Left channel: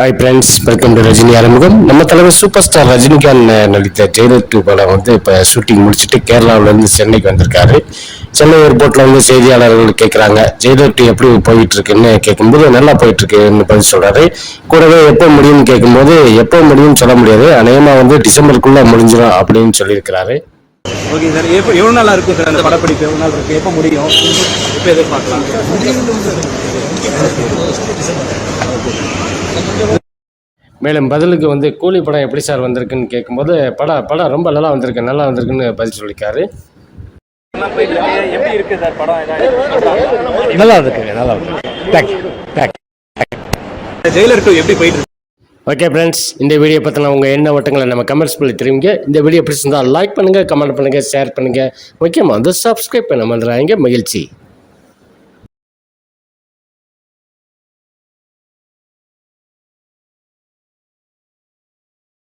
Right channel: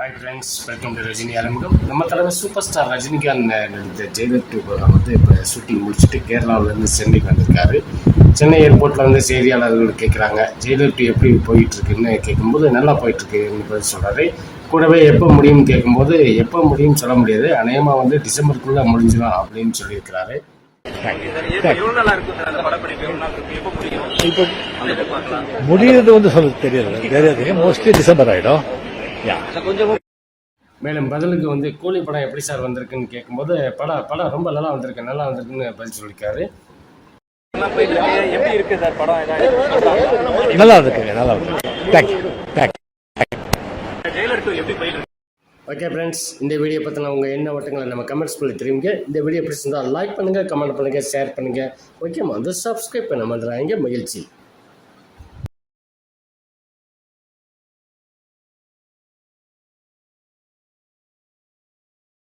Hi friends welcome to Rajini ஆரம்பம் நம்ம தலைவர் சூப்பர் ஸ்டார் ரஜினிகாந்த் நடித்த ஜெயலலிதா டூ படம் வந்து இப்போ ஷூட்டிங் முடிச்சுட்டு கேரளாவிலேருந்து சென்னைக்கு வந்திருக்காரு. சென்னை ஏர்போர்ட்டில் வந்து செய்தியாளர்கள் கேட்குறாங்க ஜெயலலிதா டூ எப்படி போயிட்டு இருக்குன்னு கேட்கும்போது நல்லா போயிட்டு இருக்குன்னு பதில் சொல்றாரு. கூடவே எப்போ முடியும்னு கேட்கும்போது எப்போ முடியும்னு சொல்ல முடியாது. அநேகமாக வந்து டிசம்பருக்குள்ள முடிஞ்சிடும் அப்படின்னு சொல்லியிருக்கிறாரு. ஓகே சார் எப்போ எவ்வளோ நாளாக இருக்கும் சார் அந்த படப்பிடிப்பு? எவ்வளோ நாள் இருக்கும் எப்போ முடியும்? எப்போ எதிர்பார்க்கலாம். முடியுது வந்து சொல்லுது மோஸ்ட்லி டிசம்பர் ஆகிடும் மேலும் பதிலுக்கு வந்து கூலி படம் எப்படி சார் வந்திருக்குன்னு கேட்கும்போது படம் படம் ரொம்ப நல்லா வந்திருக்கு நல்லா வந்திருக்குன்னு பதில் சொல்லியிருக்காரு. எப்படி இருக்கு நல்லா நல்லா இருக்கு ஓகே ஃப்ரெண்ட்ஸ் இந்த வீடியோ பற்றின உங்கள் என்ன வட்டங்களை நம்ம கமெண்ட்ஸ் பண்ணி தெரிவிங்க. இந்த வீடியோ பிடிச்சிருந்தால் லைக் பண்ணுங்கள் கமெண்ட் பண்ணுங்கள் ஷேர் பண்ணுங்கள் முக்கியமாக வந்து சப்ஸ்கிரைப் பண்ண மறந்துடாதீங்க. மகிழ்ச்சி.